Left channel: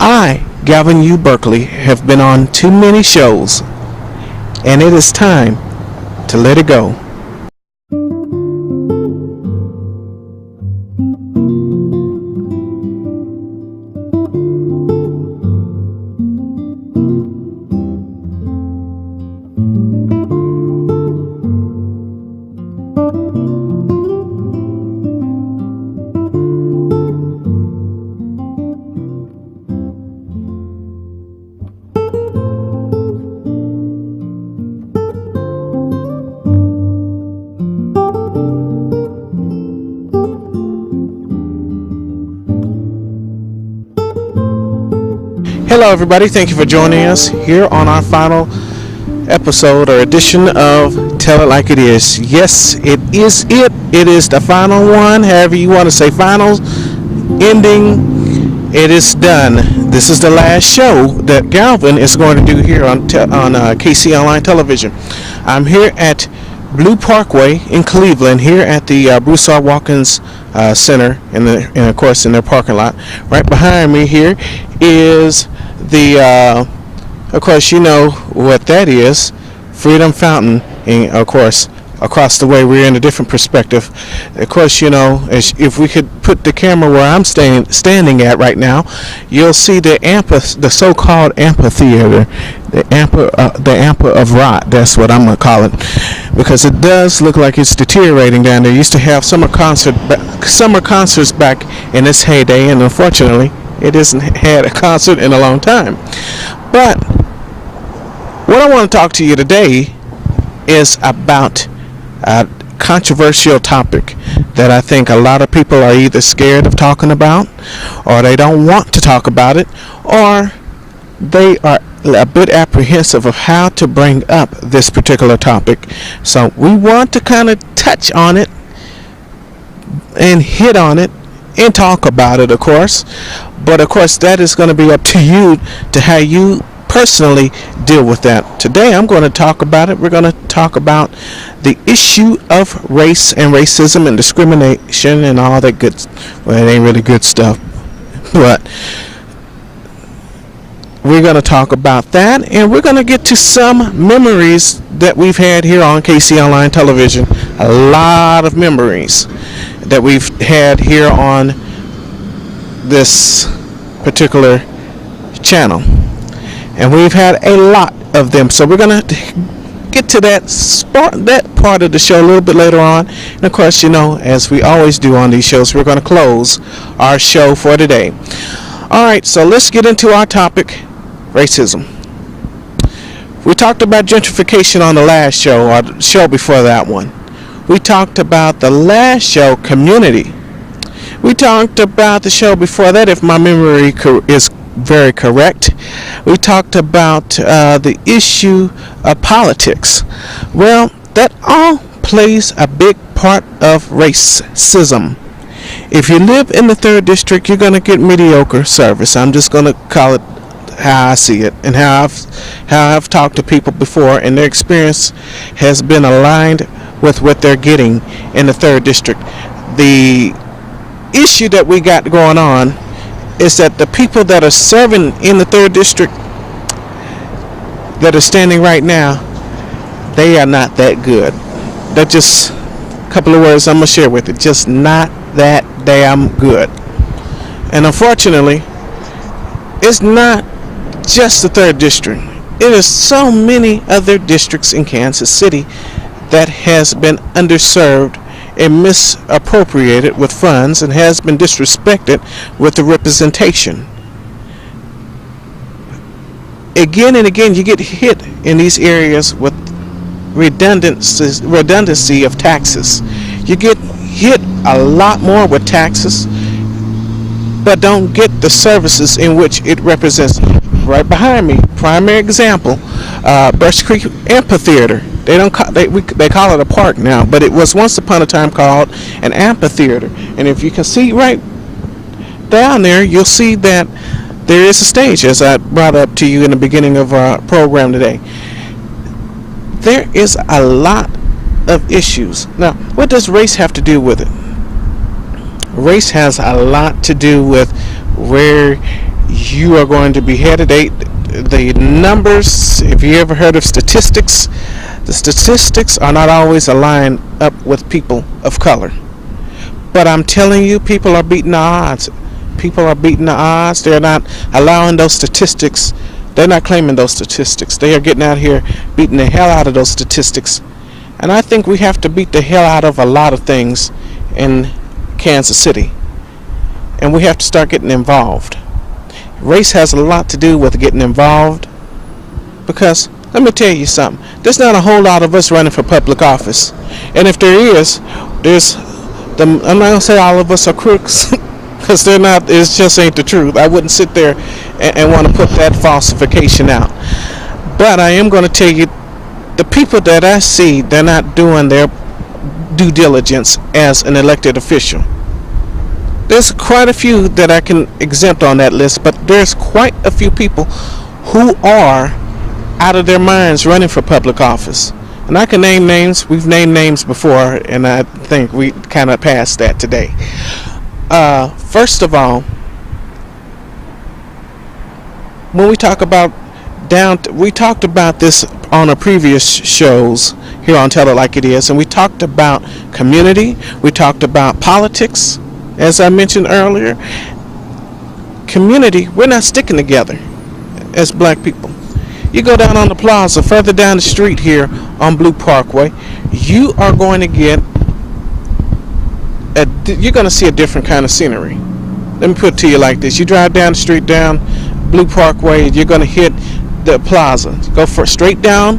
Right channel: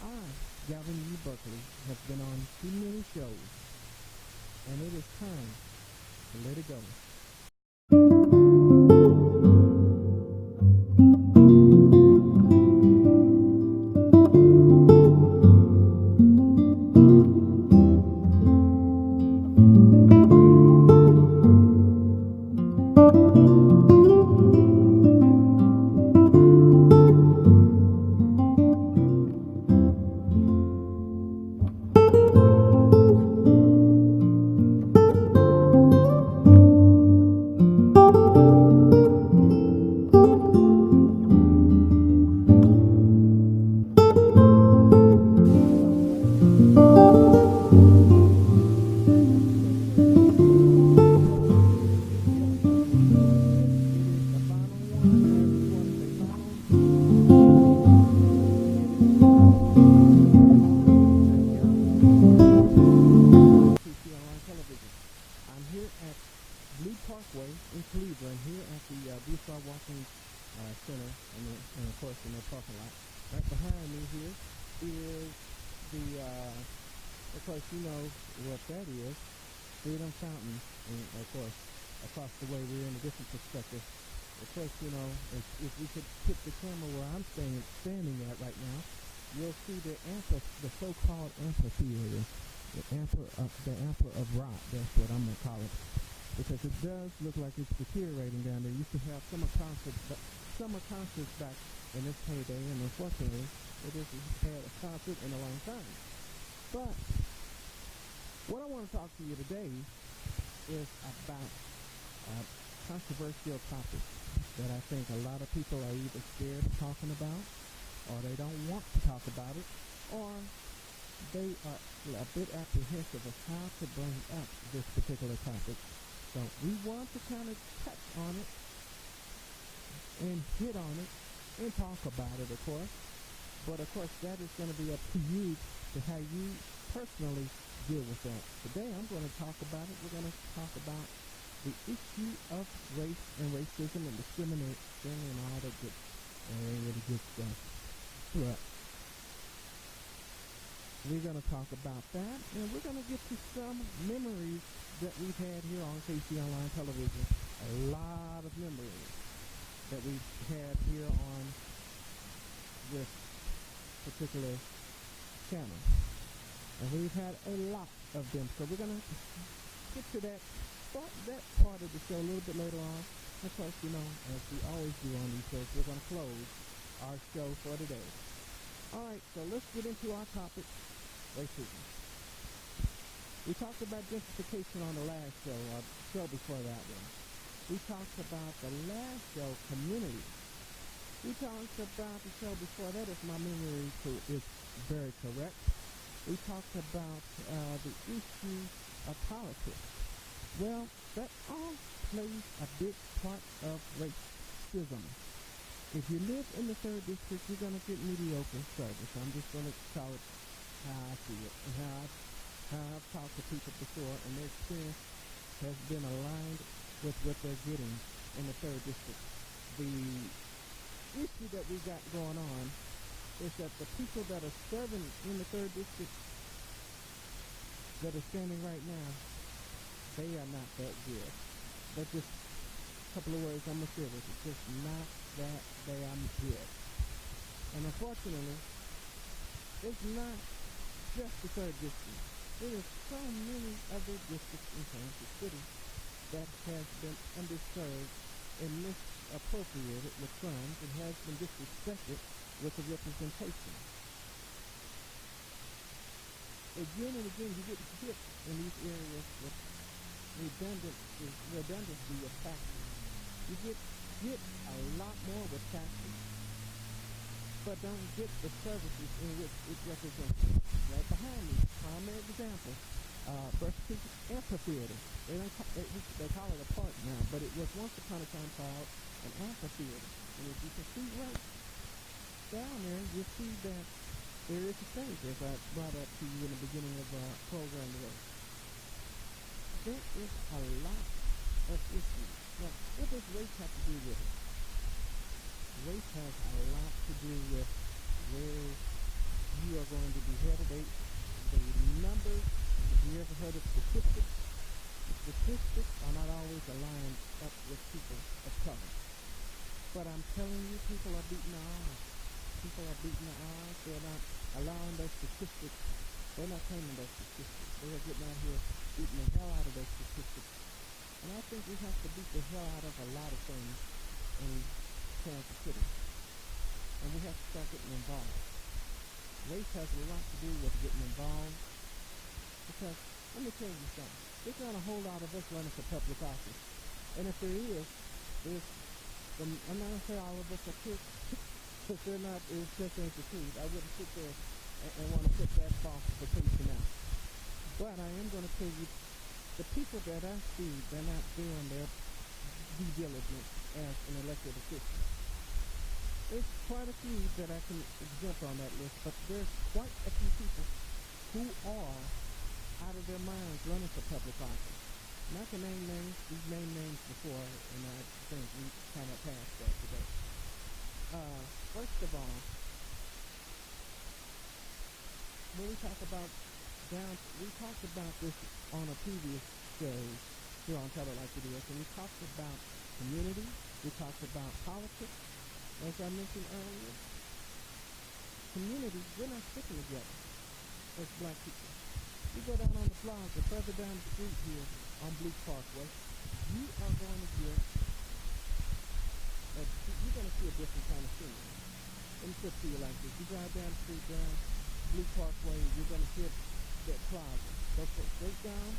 I, Galvin U. Berkley, have been on too many shows, and it is time to let it go. Hello everybody, thank you for joining us here on our final episode or edition of Tell It Like It Is. Yes, it is it. It is the final one, however you want to say finals, ending, it is done. This is the last show that Galvin is going to do here on KC Online Television. I'm here at Blue Parkway in Cleveland, here at the Bruce R. Watkins Center, and of course in their parking lot. Right behind me here is of course, you know what that is, Freedom Fountain, and of course, across the way we're in a different perspective. Of course, you know, if we could put the camera where I'm standing at right now, you'll see the so-called amphitheater, the Ampa of Rot. That's what I'm gonna call it, because it does look like it's deteriorating down there. Used to have summer concerts back in its heyday, and unfortunately, it hasn't had a concert in a long time. But what I want to talk to you today is about a controversial topic that I think a lot of people are either scared of talking about, or they don't want to talk about it, or they are a bit apprehensive of how to bring up this particular topic. So we want to kind of touch on it and hit on it and talk about it, of course. But of course, that is going to be up to you to how you personally deal with that. Today, I'm going to talk about it. We're going to talk about the issue of race and racism and discrimination and all that good. Well, it ain't really good stuff, but we're going to talk about that, and we're going to get to some memories that we've had here on KC Online Television. A lot of memories that we've had here on this particular channel, and we've had a lot of them, so we're going to get to that part of the show a little bit later on. And of course, you know, as we always do on these shows, we're going to close our show for today. Alright, so let's get into our topic, racism. We talked about gentrification on the last show, or the show before that one. We talked about the last show, community. We talked about the show before that, if my memory is very correct. We talked about the issue of politics. Well, that all plays a big part of racism. If you live in the 3rd District, you're going to get mediocre service. I'm just going to call it how I see it, and how I've talked to people before, and their experience has been aligned with what they're getting in the 3rd District. The issue that we got going on is that the people that are serving in the 3rd District that are standing right now, they are not that good. That's just a couple of words I'm going to share with it. Just not that damn good. And unfortunately, it's not just the 3rd District. It is so many other districts in Kansas City that has been underserved and misappropriated with funds, and has been disrespected with the representation. Again and again, you get hit in these areas with redundancy of taxes. You get hit a lot more with taxes, but don't get the services in which it represents. Right behind me, primary example, Berkley Amphitheater. They call it a park now, but it was once upon a time called an amphitheater. And if you can see right down there, you'll see that there is a stage, as I brought up to you in the beginning of our program today. There is a lot of issues. Now, what does race have to do with it? Race has a lot to do with where you are going to be headed. The numbers, if you ever heard of statistics, the statistics are not always aligned up with people of color. But I'm telling you, people are beating the odds. People are beating the odds. They're not allowing those statistics. They're not claiming those statistics. They are getting out here beating the hell out of those statistics. And I think we have to beat the hell out of a lot of things in Kansas City. And we have to start getting involved. Race has a lot to do with getting involved. Because, let me tell you something. There's not a whole lot of us running for public office. And if there is, I'm not going to say all of us are crooks. Because they're not. It just ain't the truth. I wouldn't sit there and want to put that falsification out. But I am going to tell you, the people that I see, they're not doing their due diligence as an elected official. There's quite a few that I can exempt on that list, but there's quite a few people who are out of their minds running for public office. And I can name names. We've named names before, and I think we kind of passed that today. First of all, when we talk about we talked about this on our previous shows here on Tell It Like It Is, and we talked about community, we talked about politics, as I mentioned earlier. Community, we're not sticking together as black people. You go down on the plaza, further down the street here on Blue Parkway, you are going to get you're going to see a different kind of scenery. Let me put it to you like this. You drive down the street down Blue Parkway, you're going to hit the plaza. Go straight down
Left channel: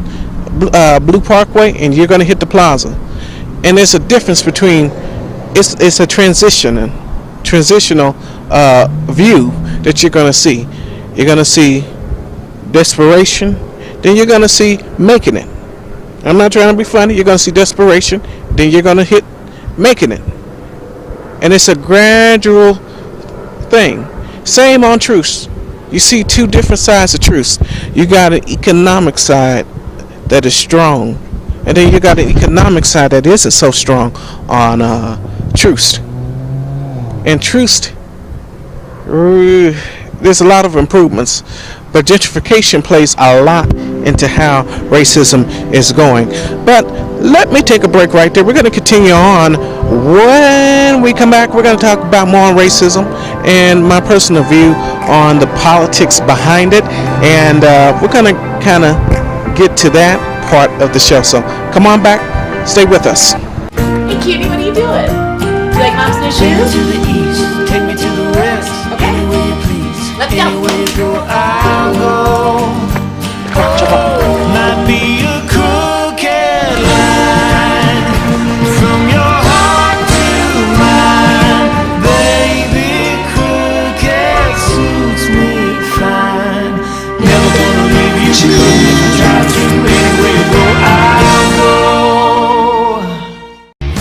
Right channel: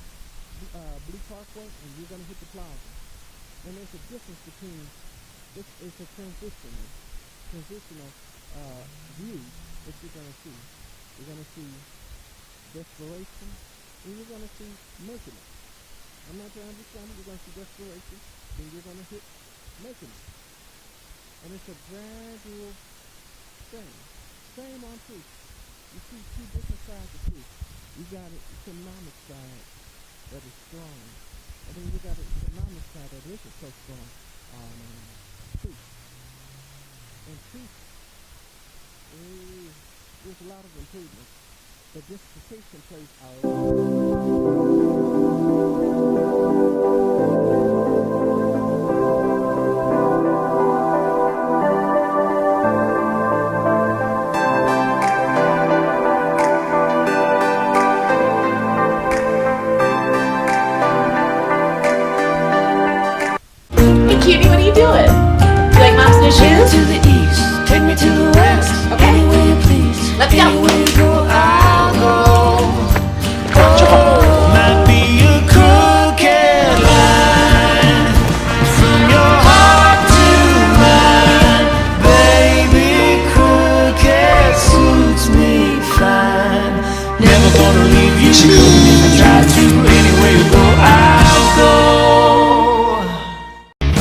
Blue Parkway, and you're going to hit the plaza. And there's a difference between, it's a transitional view that you're going to see. You're going to see desperation, then you're going to see making it. I'm not trying to be funny. You're going to see desperation, then you're going to hit making it. And it's a gradual thing. Same on truth. You see two different sides of truth. You got an economic side that is strong, and then you got an economic side that isn't so strong on truth. And truth, there's a lot of improvements, but gentrification plays a lot into how racism is going. But let me take a break right there. We're going to continue on. When we come back, we're going to talk about more racism and my personal view on the politics behind it. And we're going to kind of get to that part of the show. So come on back. Stay with us. Hey, cutie, what are you doing? You like mom's new shoes? Take me to the east, take me to the west. Okay. Anywhere you please. Let's go. Anywhere you go, I'll go. Oh, might be a crooked line from your heart to mine. Baby, crooked suits me fine. Never gonna leave you if I try to. Anywhere you go, I'll go.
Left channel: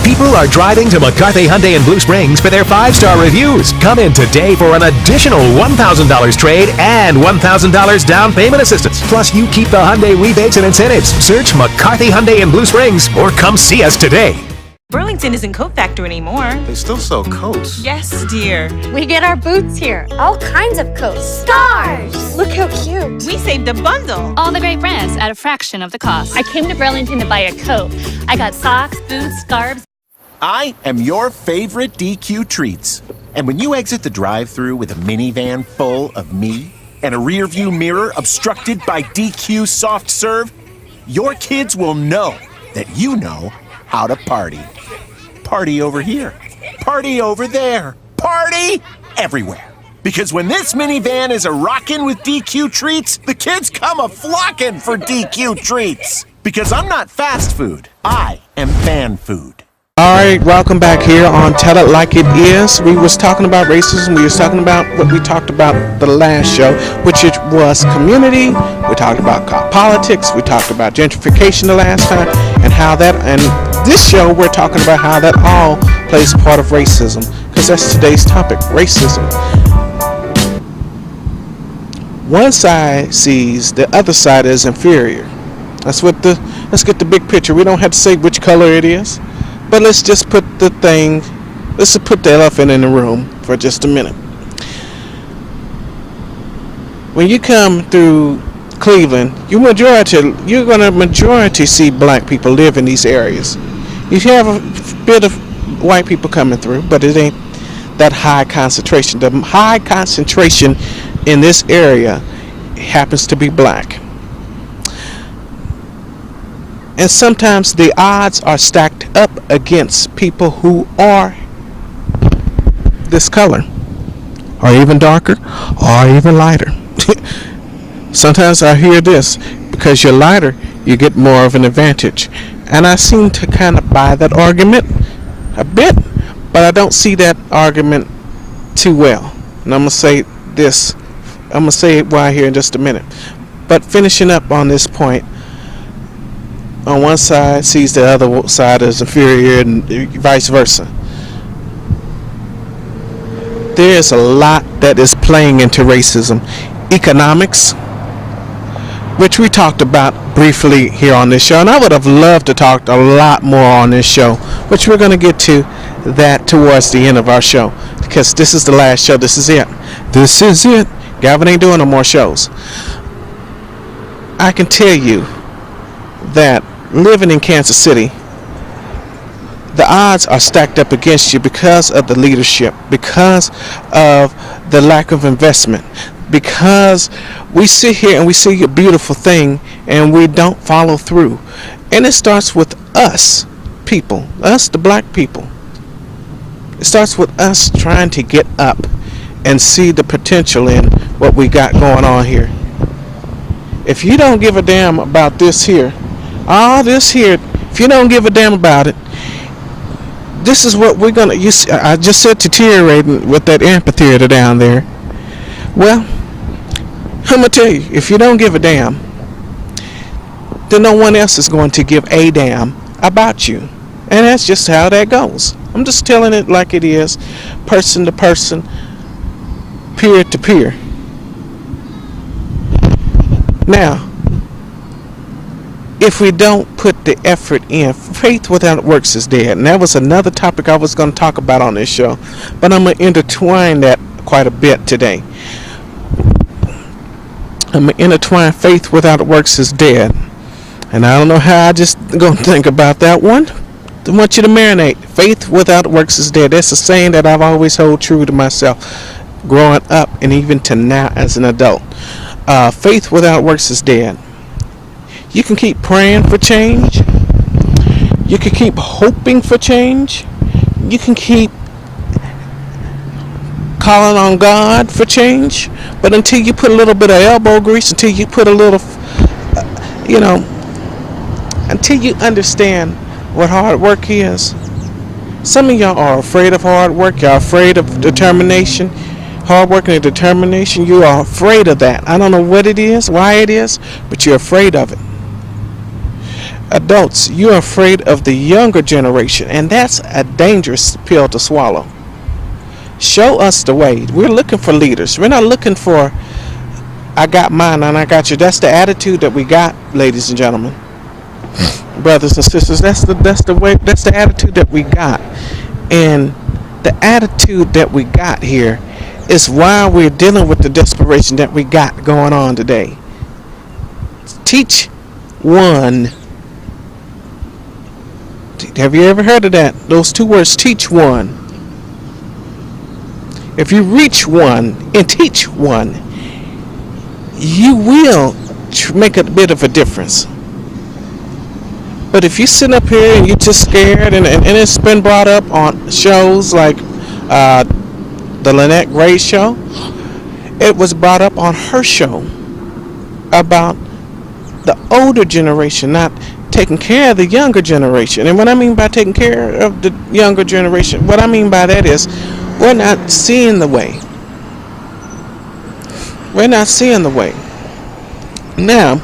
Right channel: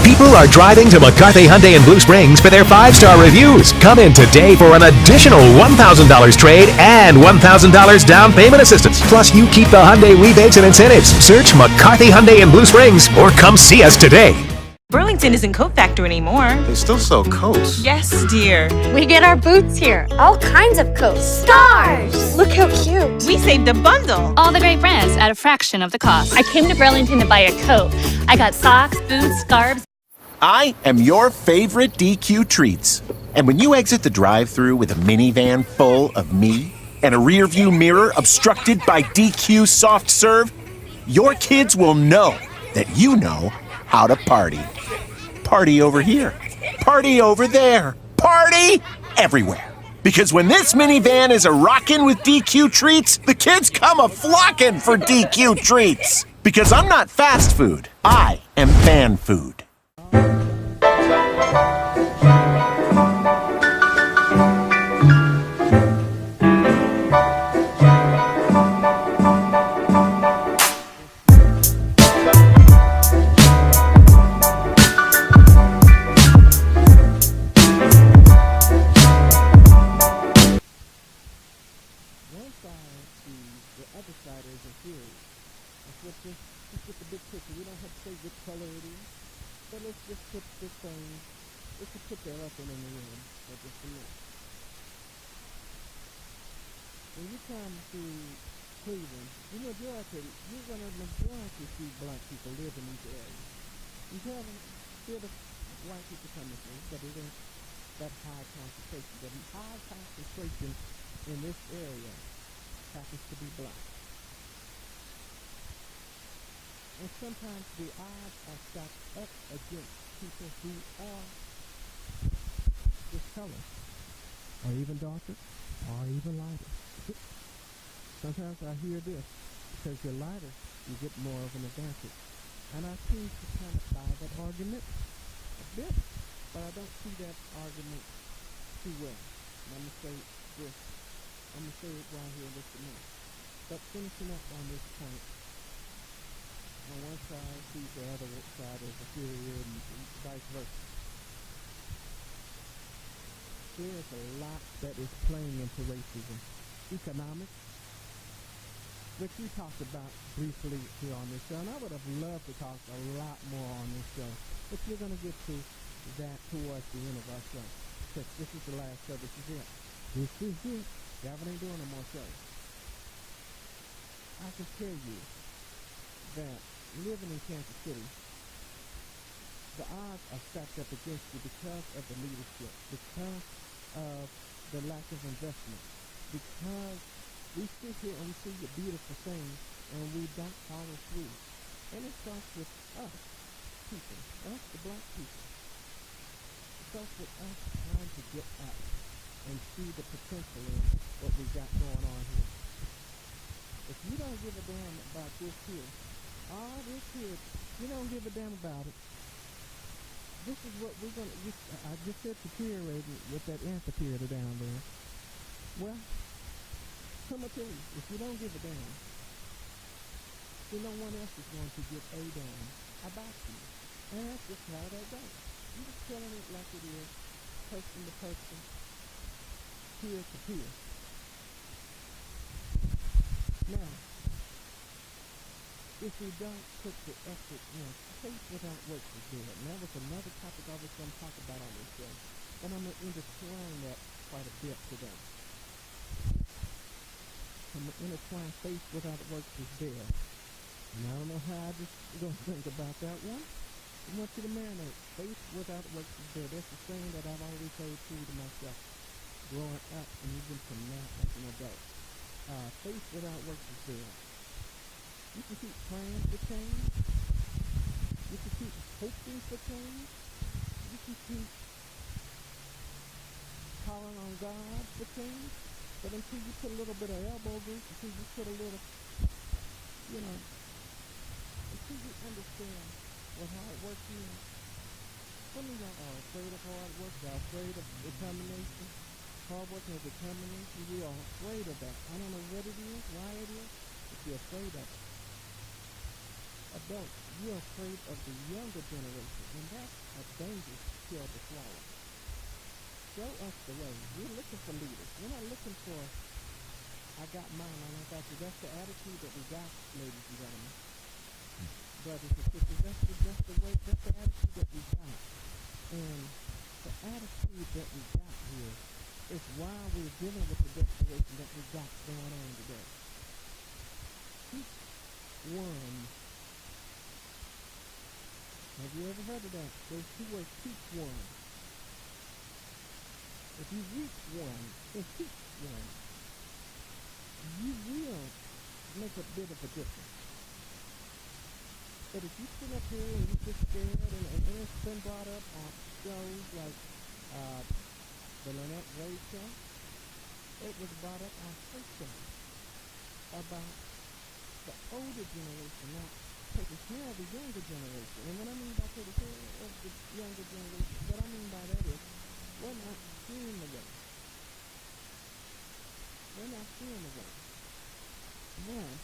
People are driving to McCarthy Hyundai in Blue Springs for their 5-star reviews. Come in today for an additional $1,000 trade and $1,000 down payment assistance. Plus, you keep the Hyundai rebates and incentives. Search McCarthy Hyundai in Blue Springs or come see us today. Burlington isn't Coat Factory anymore. They still sell coats. Yes, dear. We get our boots here. All kinds of coats. Stars! Look how cute. We saved a bundle. All the great brands at a fraction of the cost. I came to Burlington to buy a coat. I got socks, boots, scarves. I am your favorite DQ treats. And when you exit the drive-thru with a minivan full of me and a rear-view mirror obstructed by DQ soft serve, your kids will know that you know how to party. Party over here. Party over there. Party everywhere. Because when this minivan is a-rockin' with DQ treats, the kids come a-flockin' for DQ treats. Because I'm not fast food. I am fan food. All right, welcome back here on Tell It Like It Is. We was talking about racism. We was talking about what we talked about the last show, which it was community. We talked about politics. We talked about gentrification the last time, and how that. And this show, we're talking about how that all plays a part of racism, because that's today's topic: racism. One side sees the other side as inferior. Let's get the big picture. We don't have to say which color it is. But let's just put the elephant in the room for just a minute. when you come through Cleveland, you're gonna majority see black people live in these areas. You have a bit of white people coming through, but it ain't that high concentration. The high concentration in this area happens to be black. And sometimes the odds are stacked up against people who are this color, or even darker, or even lighter. Sometimes I hear this, because you're lighter, you get more of an advantage. And I seem to kind of buy that argument a bit, but I don't see that argument too well. And I'm going to say this. I'm going to say why here in just a minute. But finishing up on this point, on one side sees the other side as inferior and vice versa. There's a lot that is playing into racism. Economics, which we talked about briefly here on this show, and I would have loved to talk a lot more on this show, which we're going to get to that towards the end of our show, because this is the last show. This is it. This is it. Galvin ain't doing no more shows. I can tell you that living in Kansas City, the odds are stacked up against you because of the leadership, because of the lack of investment, because we sit here and we see a beautiful thing and we don't follow through. And it starts with us people, us the black people. It starts with us trying to get up and see the potential in what we got going on here. If you don't give a damn about this here, all this here, if you don't give a damn about it, this is what we're gonna. You see, I just said deteriorating with that amphitheater down there. Well, I'm gonna tell you, if you don't give a damn, then no one else is going to give a damn about you, and that's just how that goes. I'm just telling it like it is, person to person, peer to peer. Now, if we don't put the effort in, faith without works is dead. And that was another topic I was going to talk about on this show, but I'm going to intertwine that quite a bit today. I'm going to intertwine faith without works is dead. And I don't know how I just going to think about that one. I want you to marinate. Faith without works is dead. That's a saying that I've always held true to myself, growing up and even to now as an adult. Faith without works is dead. You can keep praying for change. You can keep hoping for change. You can keep calling on God for change. But until you put a little bit of elbow grease, until you put a little, until you understand what hard work is. Some of y'all are afraid of hard work. Y'all afraid of determination. Hard work and determination. You are afraid of that. I don't know what it is, why it is, but you're afraid of it. Adults, you're afraid of the younger generation, and that's a dangerous pill to swallow. Show us the way. We're looking for leaders. We're not looking for I got mine and I got you. That's the attitude that we got, ladies and gentlemen, brothers and sisters. That's the way. That's the attitude that we got, and the attitude that we got here is why we're dealing with the desperation that we got going on today. Teach one. Have you ever heard of that? Those two words, teach one. If you reach one and teach one, you will make a bit of a difference. But if you sit up here and you're just scared, and it's been brought up on shows like the Lynette Gray show, it was brought up on her show about the older generation not taking care of the younger generation. And what I mean by taking care of the younger generation, what I mean by that is we're not seeing the way. We're not seeing the way. Now,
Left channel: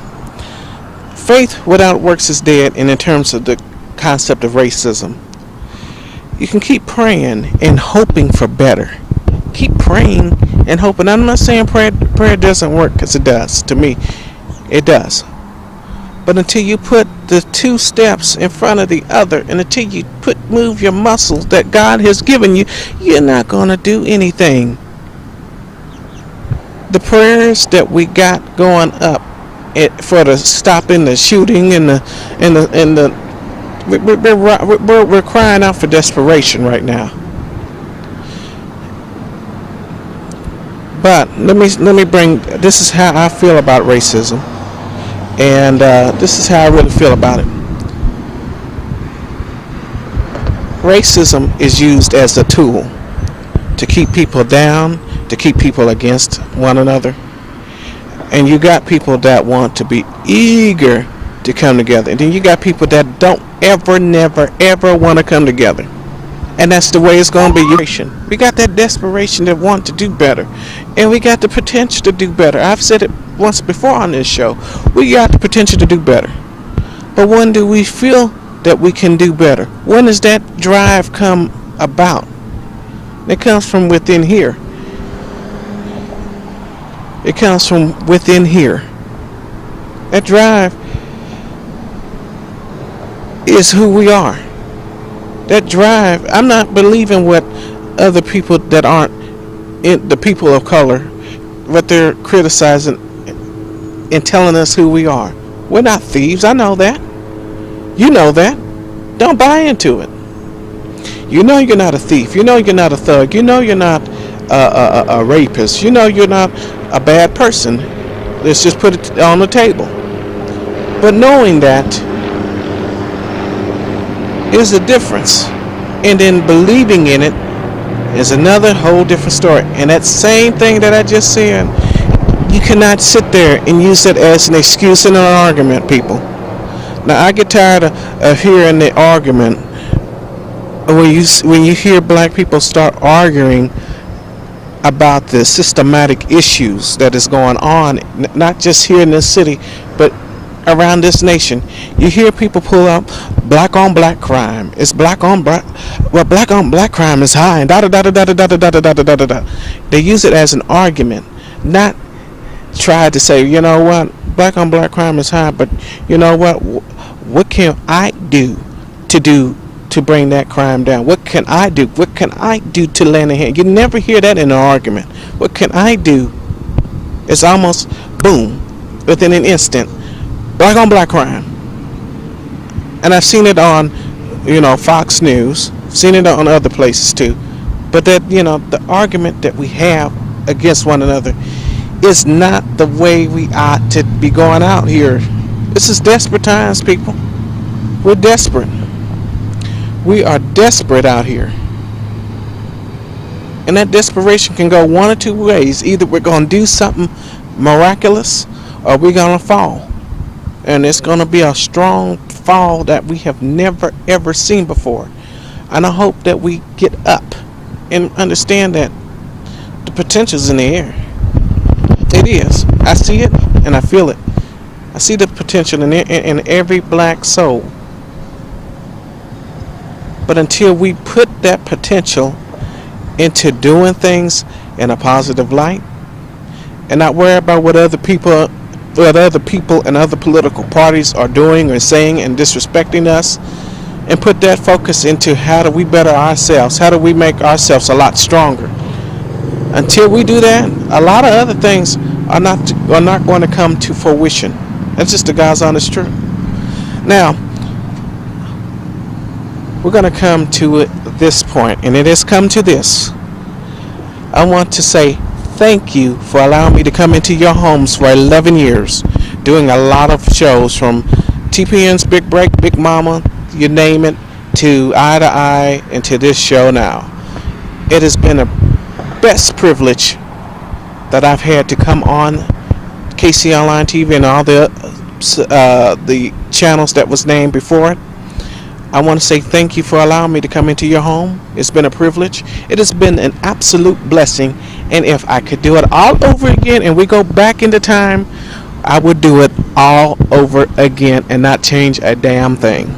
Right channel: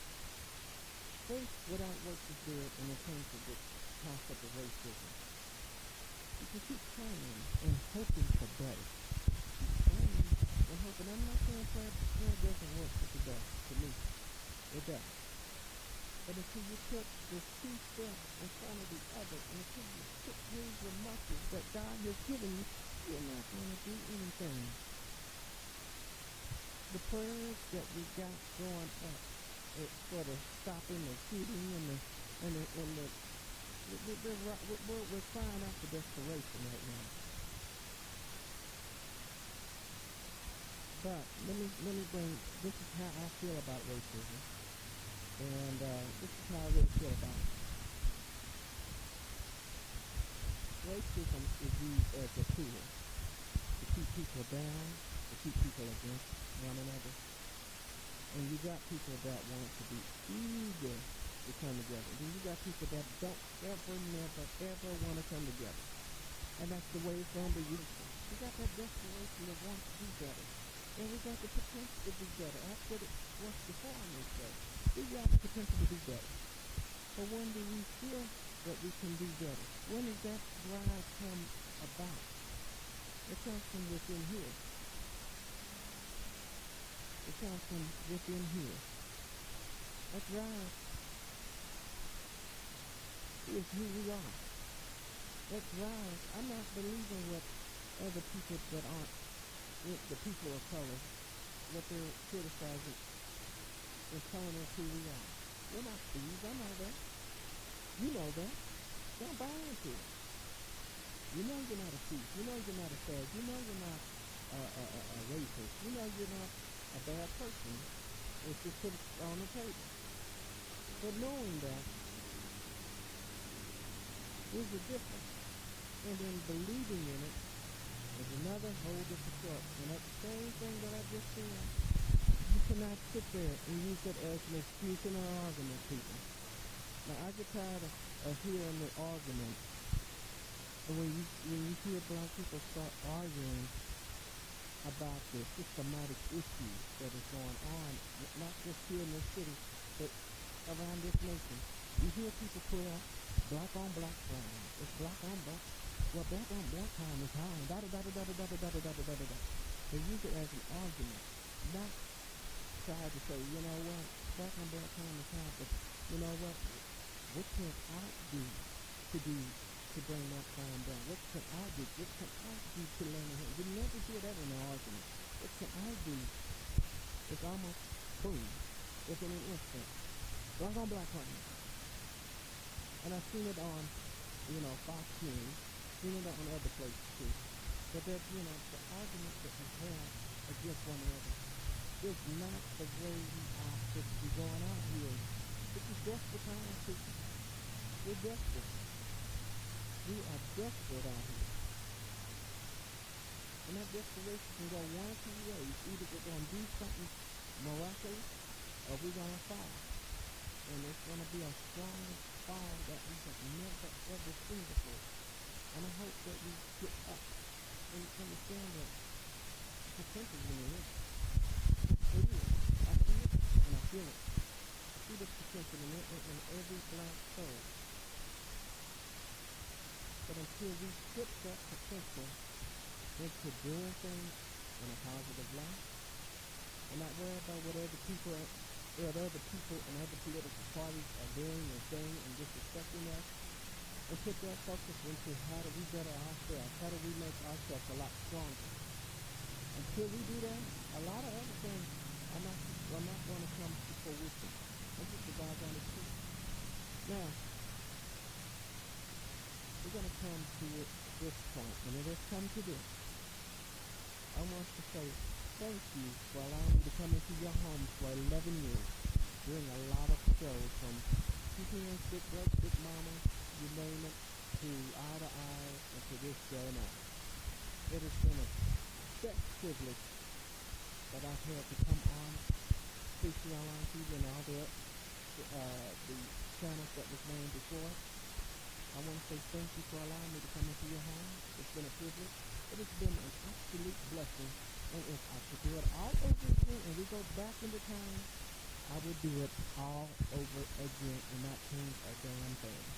faith without works is dead, and in terms of the concept of racism, you can keep praying and hoping for better. Keep praying and hoping. I'm not saying prayer doesn't work, because it does. To me, it does. But until you put the two steps in front of the other, and until you move your muscles that God has given you, you're not going to do anything. the prayers that we got going up for the stopping the shooting and we're crying out for desperation right now. But let me bring, this is how I feel about racism, and this is how I really feel about it. Racism is used as a tool to keep people down, to keep people against one another. And you got people that want to be eager to come together. And then you got people that don't never want to come together. And that's the way it's going to be. We got that desperation that want to do better. And we got the potential to do better. I've said it once before on this show. We got the potential to do better. But when do we feel that we can do better? When does that drive come about? It comes from within here. It comes from within here. That drive is who we are. That drive, I'm not believing what other people that aren't the people of color, what they're criticizing and telling us who we are. We're not thieves. I know that. You know that. Don't buy into it. You know you're not a thief. You know you're not a thug. You know you're not a rapist. You know you're not a bad person. Let's just put it on the table. But knowing that is the difference. And then believing in it is another whole different story. And that same thing that I just said, you cannot sit there and use it as an excuse in an argument, people. Now I get tired of hearing the argument when you hear black people start arguing about the systematic issues that is going on, not just here in this city, but around this nation. You hear people pull up black on black crime. It's black on black. Well, black on black crime is high, and da da da da da da da da da da da da. They use it as an argument, not try to say, you know what, black on black crime is high, but you know what can I do to bring that crime down? What can I do? What can I do to lend a hand? You never hear that in an argument. What can I do? It's almost boom, within an instant, black on black crime. And I've seen it on, Fox News, seen it on other places too. But that, the argument that we have against one another is not the way we ought to be going out here. This is desperate times, people. We're desperate. We are desperate out here. And that desperation can go one or two ways. Either we're going to do something miraculous or we're going to fall. And it's going to be a strong fall that we have never, ever seen before. And I hope that we get up and understand that the potential's in the air. It is. I see it and I feel it. I see the potential in every black soul. But until we put that potential into doing things in a positive light and not worry about what other people and other political parties are doing or saying and disrespecting us, and put that focus into how do we better ourselves, how do we make ourselves a lot stronger. Until we do that, a lot of other things are not going to come to fruition. That's just the God's honest truth. Now, we're going to come to this point, and it has come to this. I want to say thank you for allowing me to come into your homes for 11 years, doing a lot of shows from TPN's Big Break, Big Mama, you name it, to Eye to Eye, and to this show now. It has been a best privilege that I've had to come on KC Online TV and all the channels that was named before it. I want to say thank you for allowing me to come into your home. It's been a privilege. It has been an absolute blessing. And if I could do it all over again and we go back into time, I would do it all over again and not change a damn thing.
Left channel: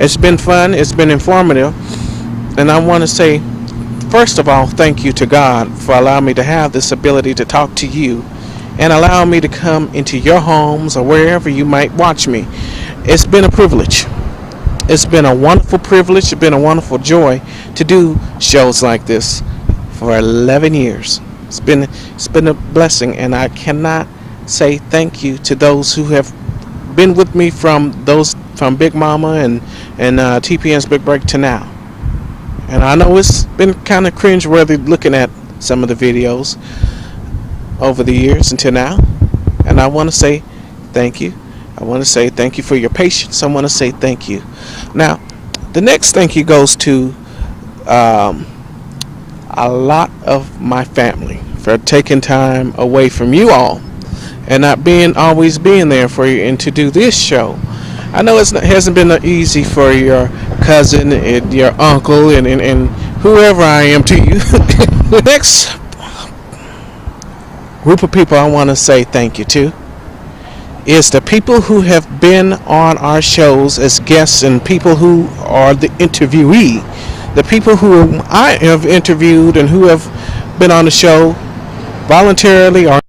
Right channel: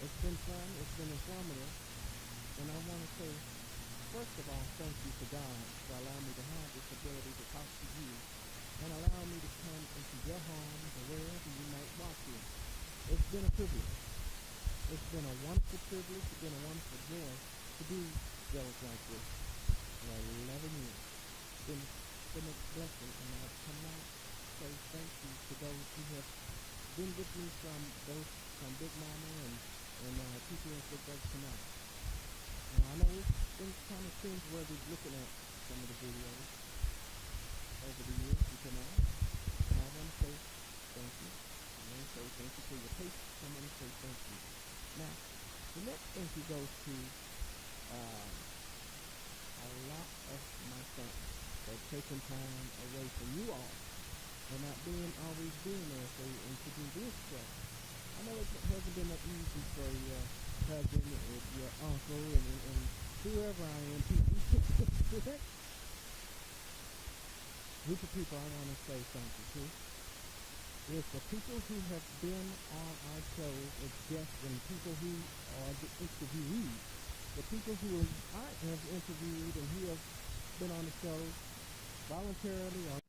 It's been fun. It's been informative. And I want to say, first of all, thank you to God for allowing me to have this ability to talk to you and allowing me to come into your homes or wherever you might watch me. It's been a privilege. It's been a wonderful privilege. It's been a wonderful joy to do shows like this for 11 years. It's been a blessing, and I cannot say thank you to those who have been with me from Big Mama and TPN's Big Break to now. And I know it's been kind of cringe-worthy looking at some of the videos over the years until now. And I want to say thank you. I want to say thank you for your patience. I want to say thank you. Now, the next thank you goes to a lot of my family for taking time away from you all and not always being there for you and to do this show. I know it hasn't been easy for your cousin and your uncle and whoever I am to you. The next group of people I want to say thank you to is the people who have been on our shows as guests and people who are the interviewee. The people who I have interviewed and who have been on the show voluntarily or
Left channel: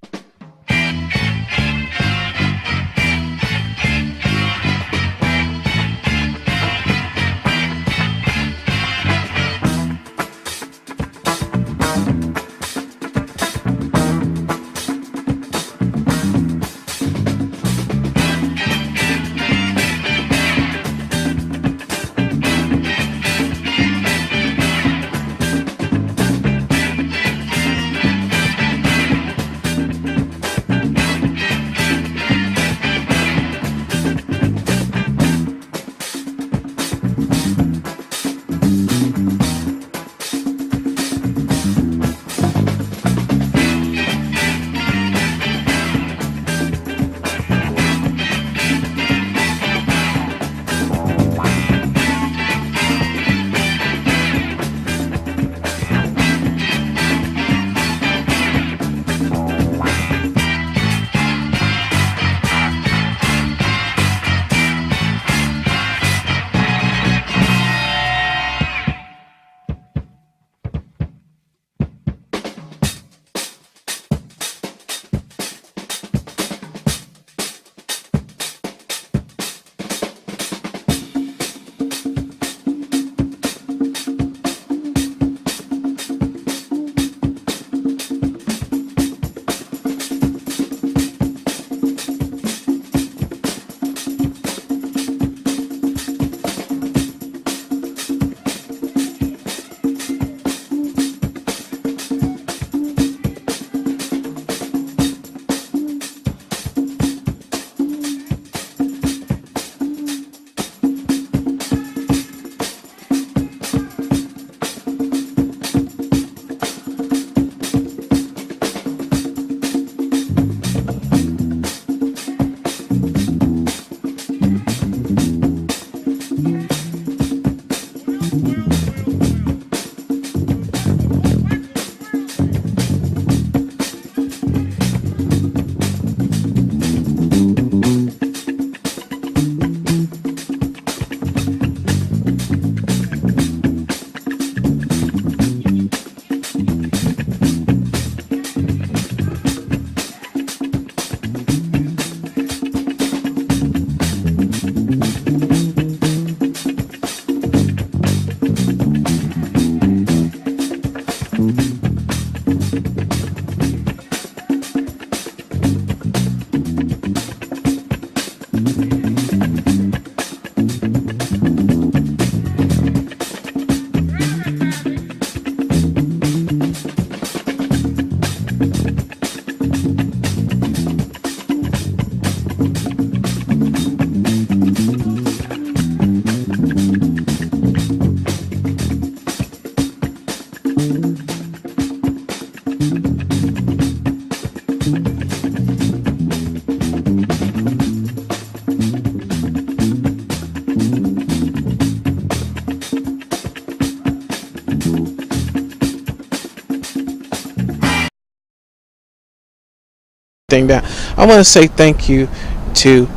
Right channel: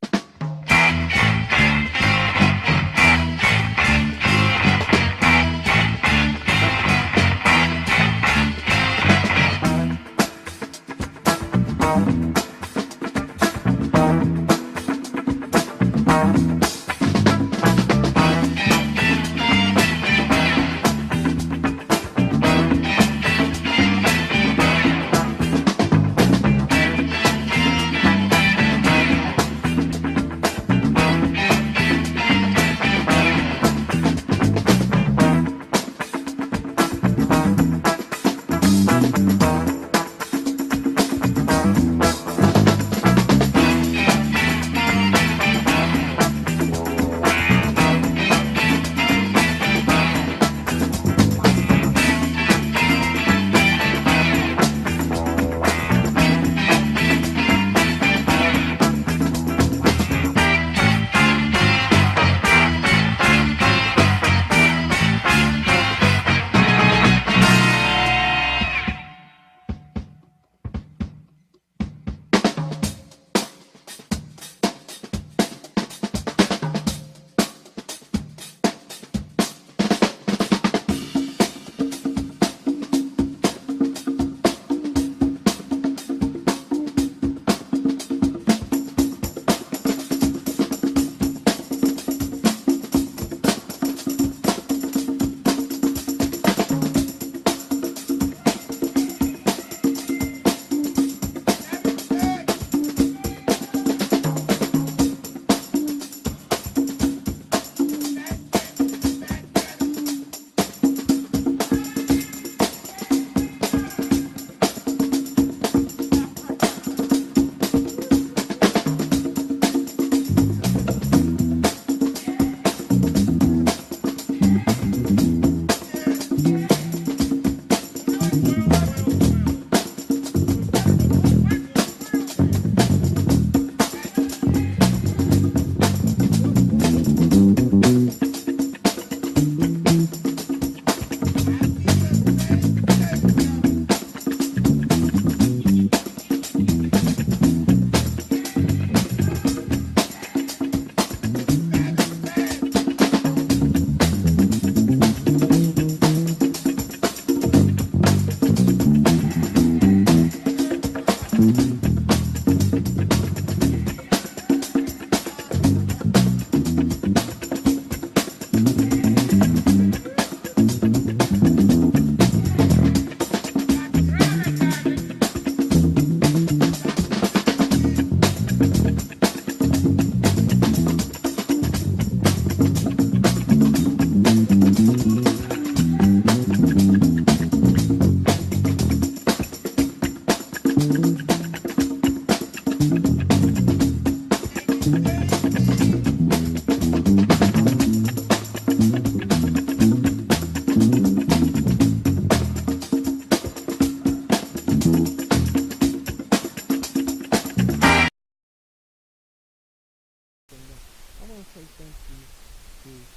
down. I want to say thank you to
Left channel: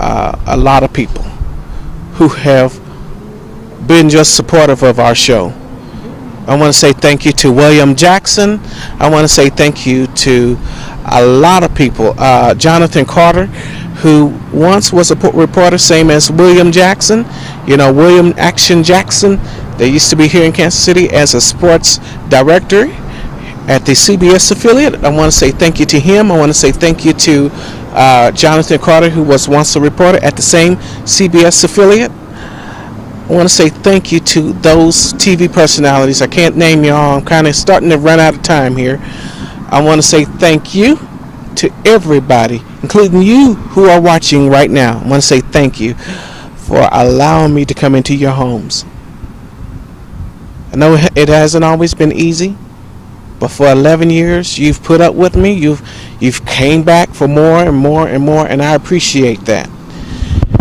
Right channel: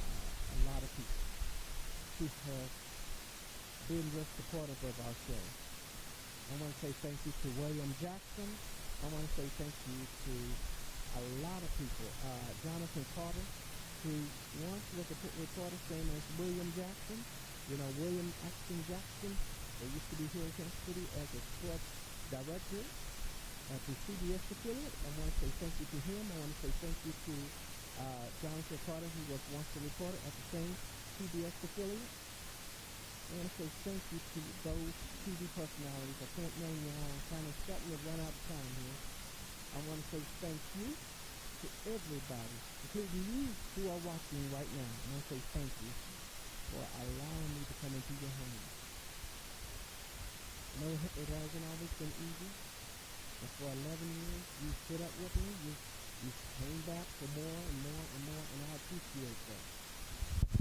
a lot of people who have been just supportive of our show. I want to say thank you to William Jackson. I want to say thank you to a lot of people. Jonathan Carter, who once was a reporter, same as William Jackson. You know, William Action Jackson. They used to be here in Kansas City as a sports director at the CBS affiliate. I want to say thank you to him. I want to say thank you to Jonathan Carter, who was once a reporter at the same CBS affiliate. I want to say thank you to those TV personalities. I can't name you all. I'm kind of starting to run out of time here. I want to say thank you to everybody, including you who are watching right now. I want to say thank you for allowing me to come into your homes. I know it hasn't always been easy, but for 11 years you've put up with me. You've came back for more and more and more, and I appreciate that.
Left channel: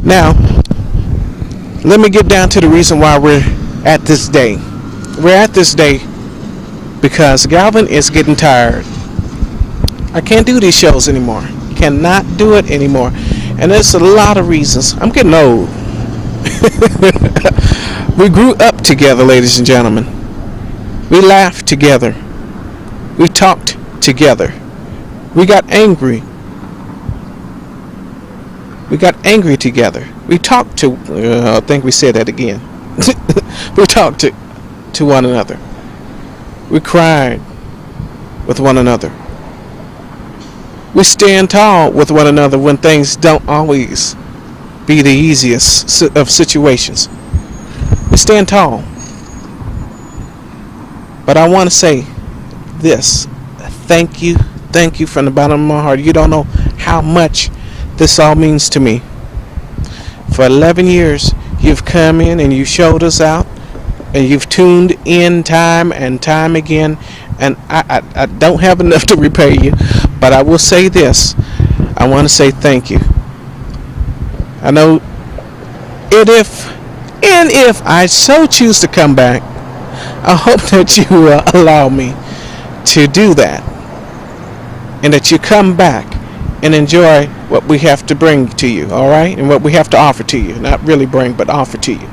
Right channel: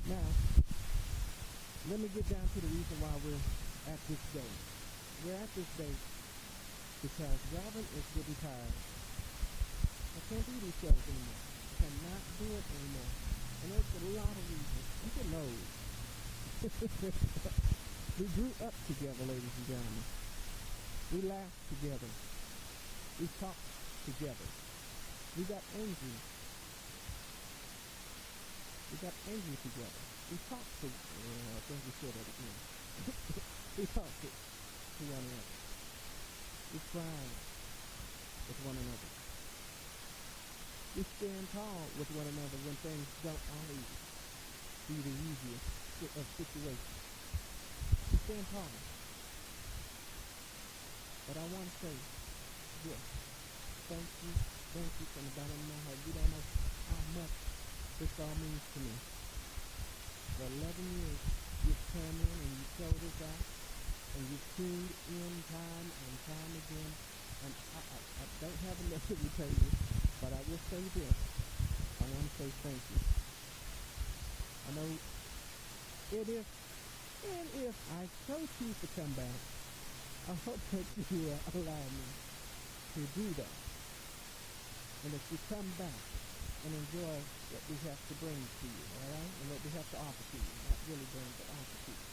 Now, let me get down to the reason why we're at this day. We're at this day because Galvin is getting tired. I can't do these shows anymore. Cannot do it anymore. And there's a lot of reasons. I'm getting old. We grew up together, ladies and gentlemen. We laughed together. We talked together. We got angry. We got angry together. We talked to, I think we said that again. We talked to one another. We cried with one another. We stand tall with one another when things don't always be the easiest of situations. We stand tall. But I want to say this. Thank you from the bottom of my heart. You don't know how much this all means to me. For 11 years, you've come in and you showed us out, and you've tuned in time and time again, and I don't have enough to repay you, but I will say this. I want to say thank you. I know, and if I so choose to come back, I hope that you will allow me to do that, and that you come back and enjoy what we have to bring to you, all right? And what we have to offer to you. Not really bring, but offer to you.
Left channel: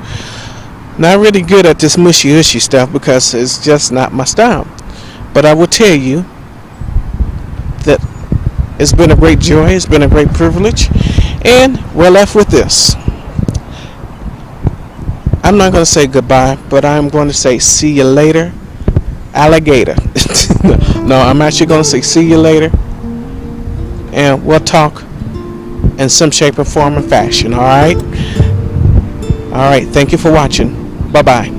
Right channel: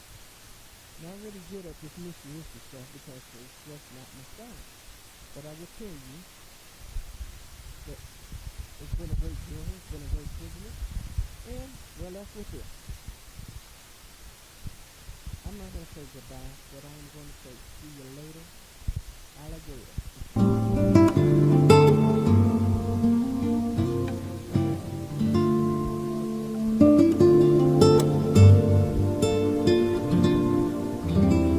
Not really good at this mushy-ushy stuff because it's just not my style. But I will tell you that it's been a great joy. It's been a great privilege. And we're left with this. I'm not going to say goodbye, but I'm going to say see you later, alligator. No, I'm actually going to say see you later. And we'll talk in some shape or form or fashion, all right? All right, thank you for watching. Bye-bye.